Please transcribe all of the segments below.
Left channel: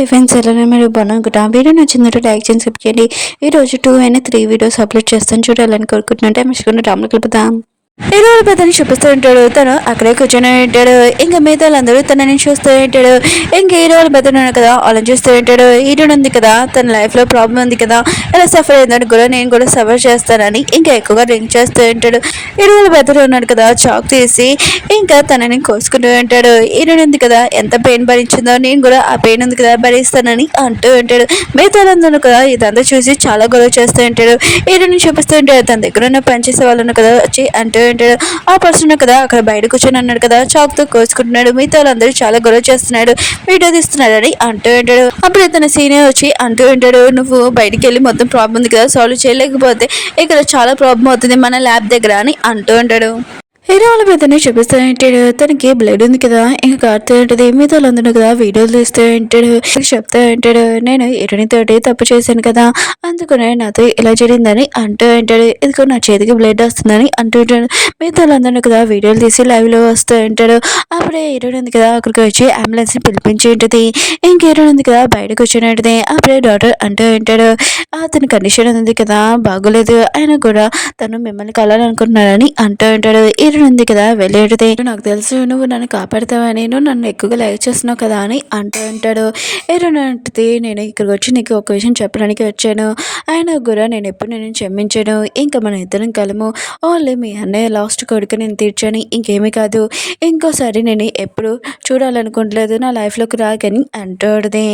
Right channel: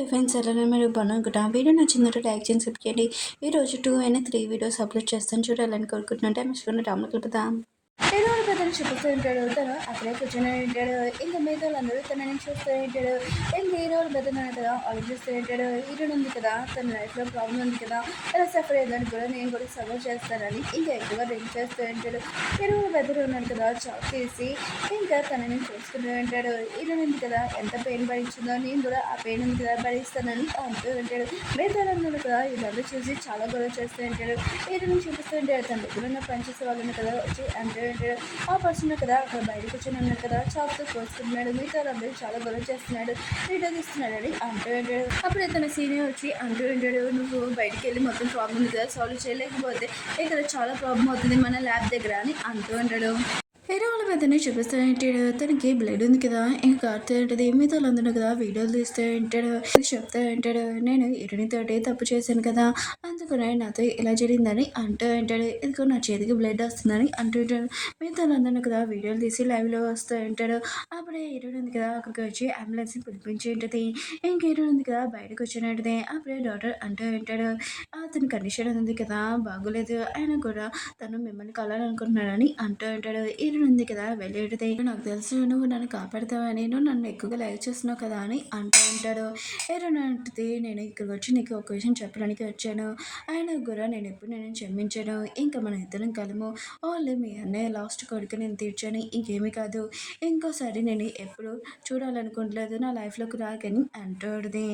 Hi friends, ఎలా మీరు బాగున్నానుకుంటా. Video నచ్చిందంటే లైక్ చేసి సబ్స్క్రైబ్ చేయండి. ఈరోజు 2 అయినా 3 వీడియోస్ అప్లోడ్ చేస్తాను, చూడాలని కోరుకుంటున్నట్టే మిషన్ రాములు కలుపుతాం. ఏదో పెద్దని చూపిస్తూ ఉంటాడు. తను అక్కడే కూర్చొని ఉంటాడు. ఇంకా మిగతా వాళ్ళందరూ తనని చూస్తూ ఉంటాడు. ఇంకా హీరో వాళ్ళ పెద్దన్నాడు కదా, వాళ్ళని చూస్తూ ఉంటాడు. హీరో ఉంది కదా, తన లైఫ్లో ప్రాబ్లం ఉంది కదా, ఇలా సఫర్ అయిందని కూడా నేను కూడా సఫర్ చేస్తానని ఇంకా ఎక్కువగా డ్రింక్ చేస్తూ ఉంటాడు. హీరో వాళ్ళ పెద్దలు ఉన్నాడు కదా, చాక్ తీసి ఇంకా తనని కోసుకుంటూ ఉంటాడు. హీరో ఉంది కదా, ఎంత పెయిన్ భరించిందో నేను కూడా ఆ పెయిన్ ఉంది కదా భరిస్తానని అంటూ ఉంటాడు. మిగతా వాళ్ళందరూ కదా ఇదంతా చూసి చాలా గొడవ చేస్తూ ఉంటాడు. హీరోని చూపిస్తూ ఉంటాడు. తన దగ్గర ఉన్న పనిచేసే వాళ్ళు కదా వచ్చి అంటూ ఉంటాడు. ఆ పర్సన్ కదా అక్కడ బయట కూర్చొని అన్నాడు కదా, చాక్ తో కోసుకుంటున్నాడు. మిగతా వాళ్ళందరూ చాలా గొడవ చేస్తున్నాడు, వీడియో తీస్తున్నాడని అంటూ ఉంటాడు. అప్పుడు తన సీనియర్ వచ్చి అంటూ ఉంటాడు, నువ్వు బయటికి వెళ్ళి మొత్తం ప్రాబ్లం ఉంది కదా సాల్వ్ చేయలేకపోతే ఇక్కడ చాలా ప్రాబ్లం అవుతుంది మన ల్యాబ్ దగ్గర అని అంటూ ఉంటాడు. హీరో వాళ్ళ పెద్దనే చూపిస్తూ ఉంటాడు. తనకి బ్లడ్ ఉంది కదా, ఇంకా కారుతూ ఉంటుంది. మిగతా వాళ్ళందరూ కదా వీడియోలు తీస్తూ ఉంటాడు. చెప్తూ ఉంటాడు, నేను హీరోని తోటి తప్పు చేశాను కదా, అందుకనే నాతో ఇలా జరిగిందని అంటూ ఉంటాడు. ఇదిగో నా చేతికి బ్లడ్ వస్తుందని అంటూ ఉంటాడు. మిగతా వాళ్ళందరూ కదా వీడియోలు తీసి లైవ్ లో వస్తూ ఉంటాడు. అప్పుడే హీరోని ఉంది కదా అక్కడికి వచ్చి అంబులెన్స్ ని పిలిపించి ఉంటుంది. ఇంక హీరోని ఉంది కదా బయట కూర్చొని ఉంటుంది. అప్పుడే డాక్టర్ అంటూ ఉంటాడు, అతని కండిషన్ ఉంది కదా బాగోలేదు, ఆయన కూడా తను మిమ్మల్ని కలాలనుకుంటున్నాడని అంటూ ఉంటాడు. ఉంది కదా వెళ్ళేటిది, నాకు తెలుసు నువ్వు నన్ను కాపాడుతావని, నువ్వు నన్ను ఎక్కువగా లైక్ చేస్తున్నావు కదా అని అంటూ ఉంటాడు. ఏరునంటిది, నేను ఇక్కడికి వచ్చి నీకు ఒక విషయం చెప్పడానికి వచ్చాను, ఆయన కూడా నేను ఎప్పుడు నేను క్షమించాను, ఇంకా మన ఇద్దరం కలము, ఓన్లీ మీ అన్నయ్య లాస్ట్ కొడుకు నేను తీర్చాను, ఇంకేమీ కాదు, ఇంకోసారి నేను ఎప్పుడు చూడాలనుకోవట్లేదు, నా లైఫ్లోకి రాకని అంటాడుది.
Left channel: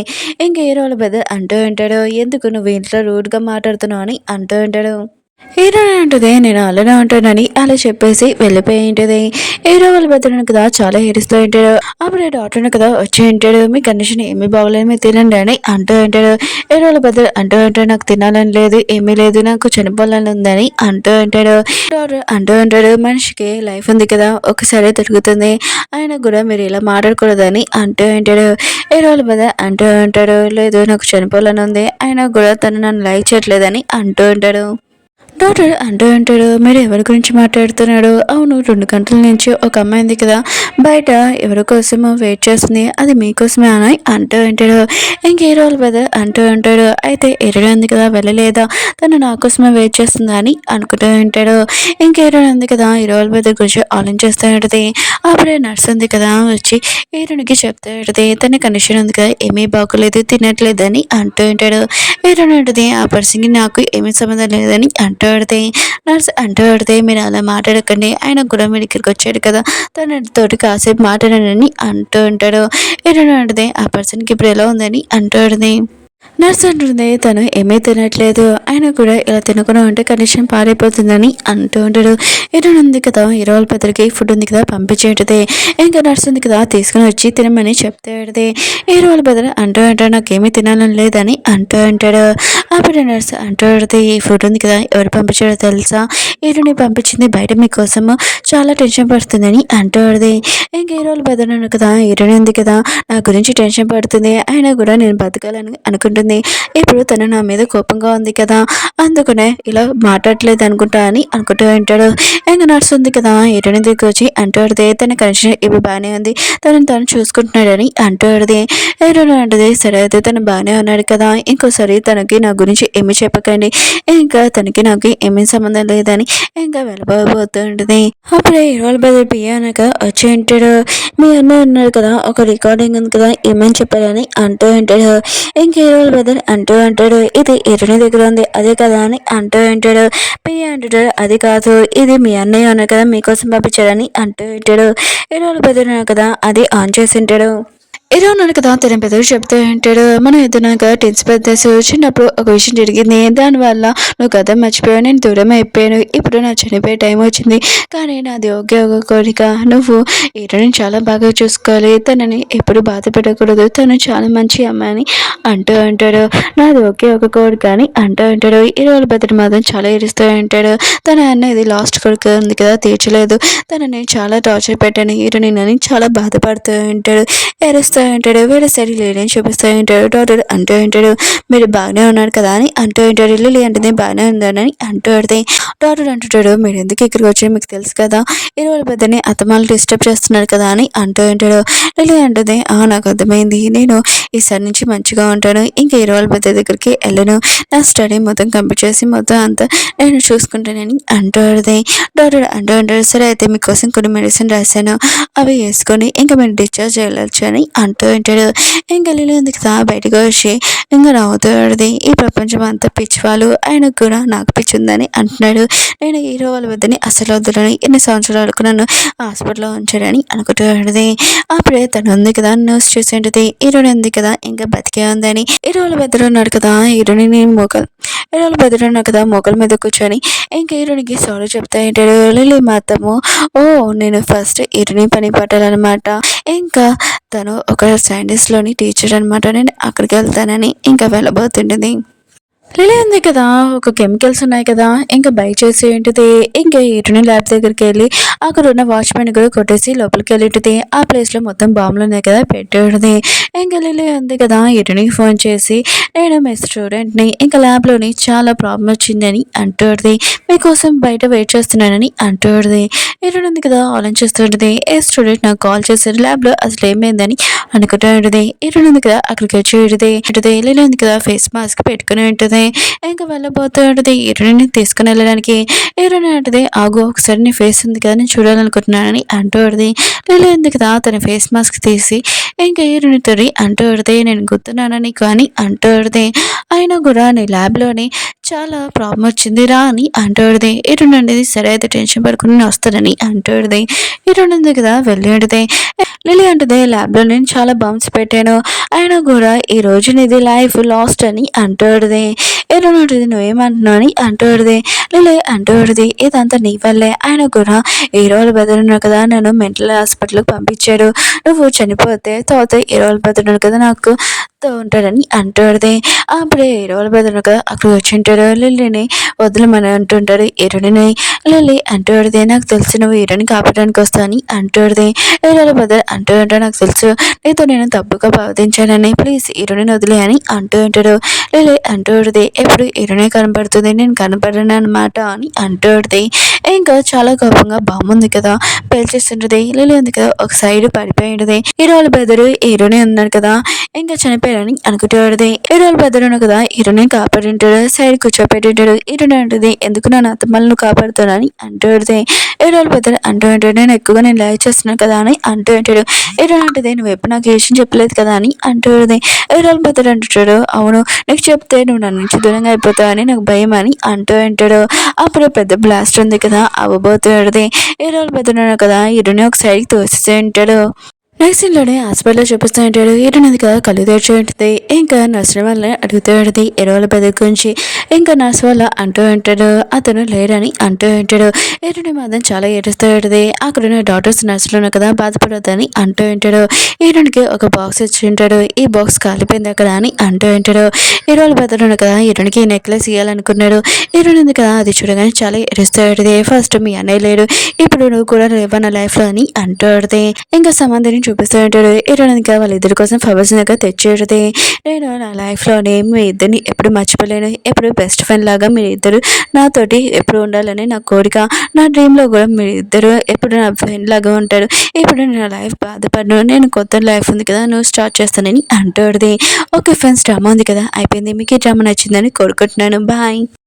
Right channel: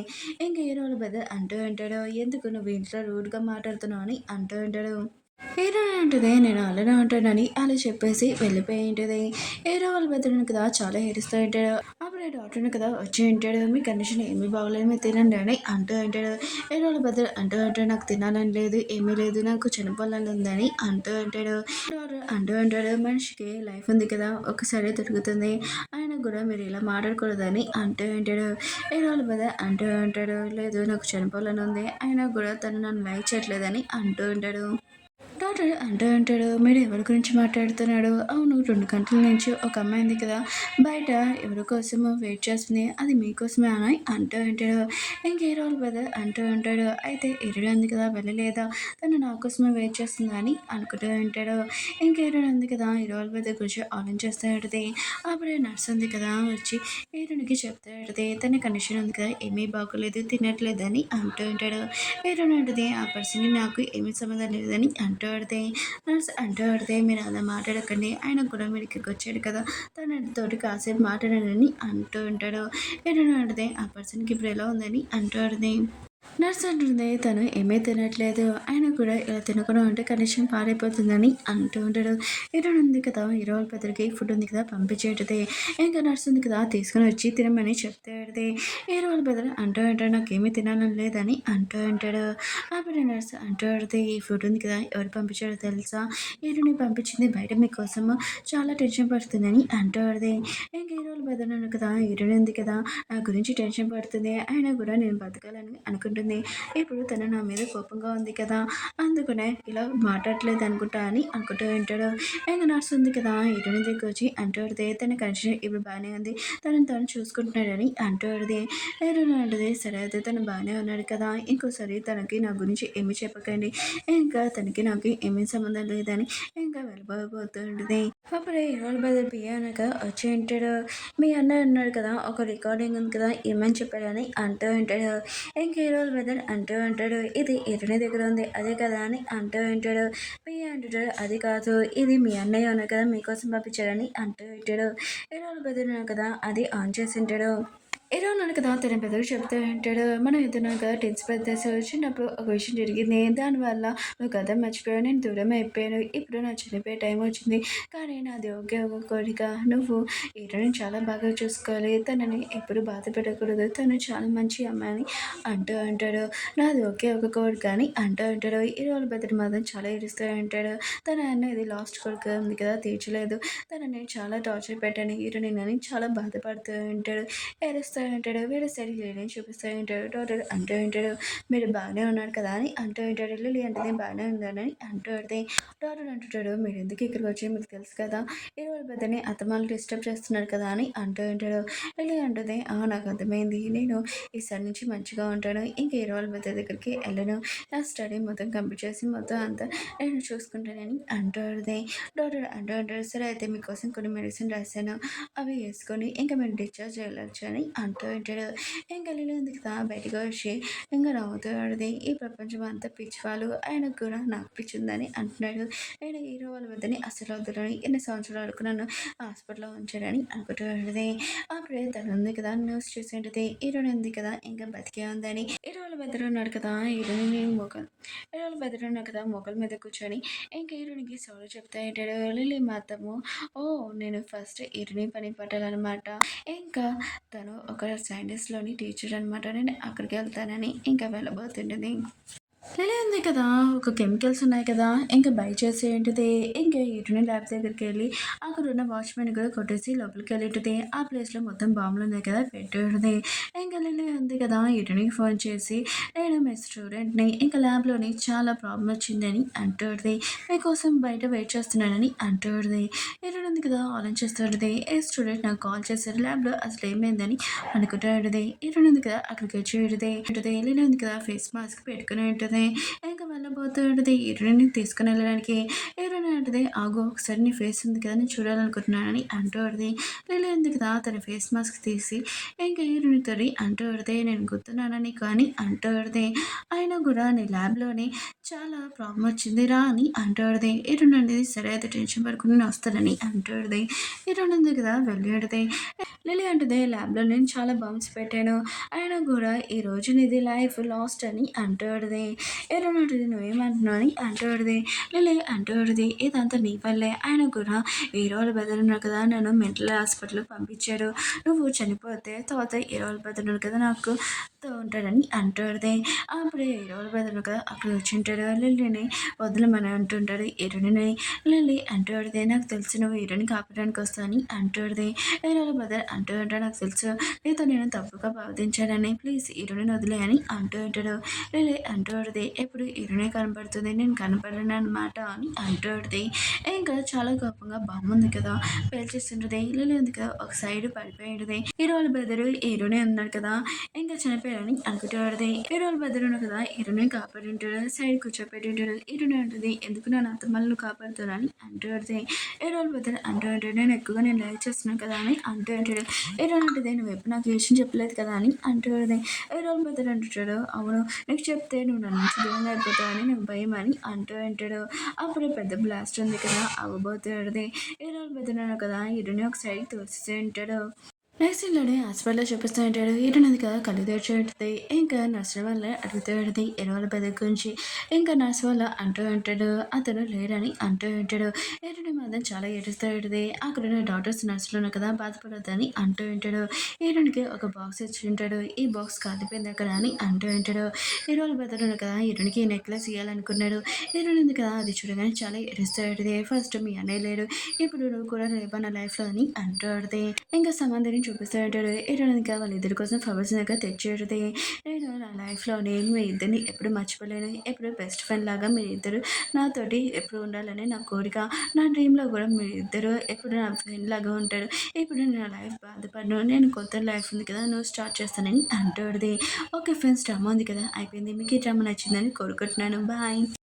ఇంకా ఏ రోజు బెదర్ అంటూ ఉంటాడు, ఎందుకు నువ్వు ఇంట్లో రూడ్గా మాట్లాడుతున్నావు అని అంటూ ఉంటాడు. హీరో అంటది, నేను అలానే ఉంటానని అలా చెప్పేసి వెళ్ళిపోయి ఉంటుంది. హీరో వాళ్ళ పెద్దలను కదా చాలా ఏడుస్తూ ఉంటాడు. అప్పుడే డాక్టర్ కదా వచ్చి ఉంటాడు, మీ కండిషన్ ఏమీ బాగోలేదు మీరు తినండి అని అంటూ ఉంటాడు. హీరో వాళ్ళ పెద్దలు అంటూ ఉంటాడు, నాకు తినాలని లేదు, ఏమీ లేదు, నాకు చనిపోవాలని ఉందని అంటూ ఉంటాడు. డాక్టర్ అంటూ ఉంటాడు, మనిషికి లైఫ్ ఉంది కదా ఒకసారి దొరుకుతుంది, ఆయన కూడా మీరు ఇలా మాట్లాడకూడదని అంటూ ఉంటాడు. హీరో వాళ్ళ పెద్ద అంటూ ఉంటాడు, లేదు నాకు చనిపోవాలని ఉంది, ఆయన కూడా తను నన్ను లైక్ చేయట్లేదని అంటూ ఉంటాడు. డాక్టర్ అంటూ ఉంటాడు, మీరు ఎవరి గురించి మాట్లాడుతున్నాడు, అవును 2 గంటల నుంచి ఒక అమ్మాయి ఉంది కదా బయట ఎవరి కోసమో వెయిట్ చేస్తుంది, అది మీకోసమే అని అంటూ ఉంటాడు. ఇంక హీరో బ్రదర్ అంటూ ఉంటాడు, అయితే హీరోయిన్ ఉంది కదా వెళ్ళలేదా, తను నా కోసమే వెయిట్ చేస్తుందా అని అనుకుంటూ ఉంటాడు. ఇంక హీరోయిన్ ఉంది కదా హీరో బ్రదర్ గురించి ఆలోచిస్తూ ఉంటుంది. అప్పుడే నర్స్ ఉంది కదా వచ్చి హీరోనికి చెప్తూ ఉంటుంది, తన కండిషన్ ఉంది కదా ఏమీ బాగోలేదు, తినట్లేదని అంటూ ఉంటాడు. హీరోయిన్ ఉంటుంది, ఆ పర్సన్కి నాకు ఏమీ సంబంధం లేదని అంటూ పడితే నర్స్ అంటూ పడితే, మీరు అలా మాట్లాడకండి, ఆయన కూడా మీరు ఇక్కడికి వచ్చాడు కదా తన తోటి కాసేపు మాట్లాడనని అంటూ ఉంటాడు. ఏదైనా అంటే ఆ పర్సన్కి ఇప్పుడు ఎలా ఉందని అంటూ ఉంటుంది. నర్స్ అంటుంది, తను ఏమీ తినట్లేదు, ఆయన కూడా ఇలా తినకుండా ఉంటే కండిషన్ పారైపోతుందని అంటూ ఉంటాడు. హీరోయిన్ ఉంది కదా హీరో వాళ్ళ పెద్దరికి ఫుడ్ ఉంది కదా పంపించేటది. ఇంకా నర్స్ ఉంది కదా తీసుకుని వచ్చి తినమని చెప్తే పెడితే హీరో వాళ్ళ పెద్దలు అంటూ ఉంటాడు, నాకేమీ తినాలని లేదని అంటూ ఉంటాడు. అప్పుడు నర్స్ అంటూ పెడితే, ఈ ఫుడ్ ఉంది కదా ఎవరు పంపించాడో తెలుసా, హీరోని పంపించింది బయట మీకోసము చాలా టెన్షన్ పడుతుందని అంటూ పడితే, ఇంకా హీరో వాళ్ళ పెద్దలు కదా హీరోయిన్ ఉంది కదా నా గురించి టెన్షన్ పడుతుంది, అయినా కూడా నేను బతకాలని అనుకుంటుంది, ఇప్పుడు తను నా మీద కోపంగా ఉంది కదా అందుకనే ఇలా మాట్లాడలేదు అనుకుంటా అని అనుకుంటూ ఉంటాడు. ఇంకా నర్స్ ఉంది కదా హీరోయిన్ దగ్గరికి వచ్చి అంటూ పడితే, తన కనెక్షన్ ఇప్పుడు బాగానే ఉంది, తను చూసుకుంటున్నాడని అంటూ పడితే హీరోయిన్ అంటది, సరే అయితే తను బాగానే ఉన్నాడు కదా, ఇంకోసారి తనకి నా గురించి ఏమి చెప్పకండి, ఇంకా తనకి నాకు ఏమీ సంబంధం లేదని ఇంకా వెళ్ళిపోతూ ఉంటుంది. అప్పుడే హీరోల బదులు పియానక వచ్చి ఉంటాడు, మీ అన్న ఉన్నారు కదా ఒక రికార్డింగ్ ఉంది కదా ఏమని చెప్పారని అంటూ ఉంటాడు. ఇంక హీరోల బదులు అంటూ అంటాడు, ఇది హీరోని దగ్గర ఉంది అదే కదా అని అంటూ ఉంటాడు. పియ అంటాడు, అది కాదు ఇది మీ అన్నయ్య ఉన్నారు కదా మీకోసం పంపించాడని అంటూ ఉంటాడు. హీరోల బదులు కదా అది ఆన్ చేసి ఉంటాడు. ఏదో నన్ను కదా తన పెద్దలు చెప్తూ ఉంటాడు, మనం ఎదురుగా టెన్స్ పెద్దసు చిన్నప్పుడు ఒక విషయం జరిగింది, దానివల్ల నువ్వు కథ మర్చిపోయావు, నేను దూరం అయిపోయాను, ఇప్పుడు నా చనిపోయే టైం వచ్చింది, కానీ నాది ఒకే ఒక కోరిక, నువ్వు ఈరోజు చాలా బాగా చూసుకోవాలి, తనని ఎప్పుడు బాధ పెట్టకూడదు, తను చాలా మంచి అమ్మాయిని అంటూ ఉంటాడు. నాది ఒకే ఒక కోరిక అని అంటూ ఉంటాడు. ఈ రోజు బతుడు మాత్రం చాలా ఏడుస్తూ ఉంటాడు. తన అన్న ఇది లాస్ట్ కొడుకు ఉంది కదా తీర్చలేదు, తనని చాలా టార్చర్ పెట్టాను హీరోని అని చాలా బాధపడుతూ ఉంటాడు. ఏడుస్తూ చూపిస్తూ ఉంటాడు. వేరే సైడ్ లిలీని చూపిస్తూ ఉంటాడు. డాక్టర్ అంటూ ఉంటాడు, మీరు బాగానే ఉన్నారు కదా అని అంటూ ఉంటాడు. లిల్లీ అంటేనే బాగానే ఉందని అంటూ ఉంటుంది. డాక్టర్ అంటుంటాడు, మీరు ఎందుకు ఇక్కడికి వచ్చి మీకు తెలుసు కదా, ఇరవై పెద్దని అత్తమాలు డిస్టర్బ్ చేస్తున్నారు కదా అని అంటూ ఉంటాడు. లిల్లీ అంటుంది, నాకు అర్థమైంది, నేను ఈసారి నుంచి మంచిగా ఉంటాను, ఇంకా ఇరవై పెద్ద దగ్గరికి వెళ్ళను, నా స్టడీ మొత్తం కంప్లీట్ చేసి మొత్తం అంతా నేను చూసుకుంటానని అంటూ ఉంటుంది. డాక్టర్ అంటూ ఉంటాడు, సరే అయితే మీకోసం కొన్ని మెడిసిన్ రాశాను, అవి వేసుకొని ఇంకా మీరు డిశ్చార్జ్ వెళ్ళొచ్చు అని అంటూ ఉంటాడు. ఇంకా లిల్లీ ఉంది కదా బయటకు వచ్చి ఇంకా నవ్వుతూ ఉంటుంది, ఈ ప్రపంచం అంతా పిచ్చివాళ్ళు, ఆయనకు కూడా నాకు పిచ్చి ఉందని అంటున్నాడు. నేను హీరో వాళ్ళ వద్దని అసలు వద్దులని ఎన్ని సంవత్సరాలకు నన్ను హాస్పిటల్లో ఉంచాడని అనుకుంటూ ఉంటుంది. అప్పుడే తను ఉంది కదా న్యూస్ చూసి ఉంటుంది, హీరోని ఉంది కదా ఇంకా బతికే ఉందని. హీరోలు బెదరు ఉన్నాడు కదా, హీరోలు బెదరు ఉన్నాడు కదా మోకల మీద కూర్చొని ఇంకా హీరోనికి సారీ చెప్తా ఉంటాడు. లిల్లీ మాత్రము, ఓ నేను ఫస్ట్ హీరోని పని పట్టాలన్నమాట, ఇంకా తను ఒక సైంటిస్ట్లోని టీచర్ అనమాట, నేను అక్కడికి వెళ్తానని ఇంకా వెళ్ళబోతుంటుంది. లిలీ ఉంది కదా, ఒక కెమికల్స్ ఉన్నాయి కదా, ఇంకా బై చేసి ఏంటిది, ఇంకా ఇటుని ల్యాబ్ దగ్గరికి వెళ్ళి అక్కడ ఉన్న వాచ్మెన్ కూడా కొట్టేసి లోపలికి వెళ్ళింటిది. ఆ ప్లేస్లో మొత్తం బాంబులు ఉన్నాయి కదా పెట్టేది. ఇంకా లిలీ ఉంది కదా ఇటునికి ఫోన్ చేసి, నేను మీ స్టూడెంట్ని, ఇంకా ల్యాబ్లోని చాలా ప్రాబ్లం వచ్చిందని అంటుంది, మీకోసం బయట వెయిట్ చేస్తున్నానని అంటుంది. ఇటుని ఉంది కదా ఆలోచిస్తుంటుంది, ఏ స్టూడెంట్ నాకు కాల్ చేశారు ల్యాబ్లో అసలు ఏమైందని అనుకుంటూ ఉంటుంది. ఇటుని ఉంది కదా అక్కడికి వచ్చి ఉంటుంది. లిలీ ఉంది కదా ఫేస్ మాస్క్ పెట్టుకుని ఉంటుంది. ఇంకా వెళ్ళబోతూ ఉంటుంది హీరోయిన్ తీసుకుని వెళ్ళడానికి. హీరోయిన్ అంటది, ఆగు ఒకసారి నీ ఫేస్ ఉంది కదా నేను చూడాలనుకుంటున్నానని అంటూ ఉంటుంది. లిలీ ఉంది కదా తన ఫేస్ మాస్క్ తీసి ఇంకా హీరోయిన్ తోటి అంటూ ఉంటుంది, నేను గుర్తున్నానని కానీ అంటూ ఉంటుంది, అయినా కూడా నీ ల్యాబ్లోని చాలా ప్రాబ్లం వచ్చింది రా అని అంటూ ఉంటుంది. హీరోయిన్ అనేది సరే అయితే టెన్షన్ పడుకుని నేను వస్తానని అంటూ ఉంటుంది. హీరోయిన్ ఉంది కదా వెళ్ళి ఉంటుంది. లిలీ అంటది, ల్యాబ్లో నేను చాలా బంప్స్ పెట్టాను, అయినా కూడా ఈ రోజు నీది లైఫ్ లాస్ట్ అని అంటూడది. ఏదో ఉంటుంది నువ్వేమంటున్నావు అని అంటూడది. లిలీ అంటూడది, ఇదంతా నీ వల్లే, ఆయన కూడా ఈ రోజు బెదరున్నాడు కదా నన్ను మెంటల్ హాస్పిటల్కి పంపించాడు, నువ్వు చనిపోతే తర్వాత ఈ రోజు బెదరున్నాడు కదా నాకు ఉంటాడని అంటూడది. అప్పుడే ఈ రోజు బెదరున్నాడు కదా అక్కడ వచ్చి ఉంటాడు. లిల్లీని వదలమని అంటుంటాడు హీరోని. లిల్లీ అంటూడది, నాకు తెలుసు నువ్వు హీరోని కాపాడడానికి వస్తా అని అంటూడది. హీరోల బెదర్ అంటూ ఉంటాడు, నాకు తెలుసు నీతో నేను తప్పుగా ప్రవర్తించానని, ప్లీజ్ హీరోని వదిలే అని అంటూ ఉంటాడు. లిలీ అంటూ ఉంటుంది, ఎప్పుడు హీరోనే కనపడుతుంది నేను కనపడను అనమాట అని అంటూ ఉంటుంది. ఇంకా చాలా కోపంగా బాంబు ఉంది కదా పేల్చేస్తుంటది. లిలీ ఉంది కదా ఒక సైడ్ పడిపోయి ఉంటుంది. హీరోల బెదరు హీరోనే ఉన్నాడు కదా ఇంకా చనిపోయాడని అనుకుంటూ ఉంటుంది. హీరోల బెదరు కదా హీరోని కాపాడి ఉంటాడు, సైడ్ కూర్చోపెట్టి ఉంటాడు. హీరోని అంటుంది, ఎందుకు నా అత్తమ్మలను కాపాడుతానని అంటూ ఉంటుంది. హీరోల బెదరు అంటూ ఉంటాడు, నేను ఎక్కువగా నేను లైక్ చేస్తున్నాను కదా అని అంటూ ఉంటాడు. హీరోని అంటుంది, నువ్వు ఎప్పుడు నాకు ఏ విషయం చెప్పలేదు కదా అని అంటూ ఉంటుంది. హీరోల బెదరు అంటుంటాడు, అవును నీకు చెప్తే నువ్వు నన్ను నుంచి దూరంగా అయిపోతావని నాకు భయం అని అంటూ ఉంటాడు. అప్పుడు పెద్ద బ్లాస్ట్ ఉంది కదా అవ్వబోతుంది. హీరోల బెదరు కదా హీరోని ఒక సైడ్కి తోసేసి ఉంటాడు. నెక్స్ట్ సీన్లోనే హాస్పిటల్లో చూపిస్తూ ఉంటాడు. హీరోయిన్ కదా కళ్ళు తెరిచి ఉంటుంది. ఇంకా నర్సు వల్ల అడుగుతూ ఉంటుంది ఎరువుల బెదర్ గురించి. ఇంకా నర్సు వల్ల అంటూ ఉంటాడు, అతను లేరని అంటూ ఉంటాడు. హీరోయిన్ మాత్రం చాలా ఏడుస్తూ ఉంటుంది. అక్కడున్న డాక్టర్స్ నర్సులను కదా బాధపడొద్దని అంటూ ఉంటాడు. హీరోయిన్కి ఒక బాక్స్ ఇచ్చి ఉంటాడు, ఈ బాక్స్ కాలిపోయింది అక్కడ అని అంటూ ఉంటాడు. హీరోల బెదర్ కదా హీరోయిన్కి నెక్లెస్ ఇవ్వాలనుకున్నాడు. హీరోయిన్ కదా అది చూడగానే చాలా ఏడుస్తూ ఉంటుంది. ఫస్ట్ మీ అన్నయ్య లేడు, ఇప్పుడు నువ్వు కూడా లేవా నా లైఫ్లో అని అంటూ ఉంటుంది. ఇంకా సంబంధించి చూపిస్తూ ఉంటాడు. ఇరానికి వాళ్ళిద్దరి కోసం ఫ్లవర్స్ దగ్గర తెచ్చేది. నేను నా లైఫ్లోనే మీ ఇద్దరిని ఎప్పుడు మర్చిపోలేను, ఎప్పుడు బెస్ట్ ఫ్రెండ్ లాగా మీరు ఇద్దరు నాతోటి ఎప్పుడు ఉండాలని నా కోరిక, నా డ్రీమ్లో కూడా మీరు ఇద్దరు ఎప్పుడు నా ఫ్రెండ్ లాగా ఉంటారు. ఇప్పుడు నా లైఫ్ బాధపడను, నేను కొత్త లైఫ్ ఉంది కదా నువ్వు స్టార్ట్ చేస్తానని అంటుంది. ఓకే ఫ్రెండ్స్, డ్రామా ఉంది కదా అయిపోయింది. మీకు ఈ డ్రామా నచ్చిందని కోరుకుంటున్నాను. బాయ్.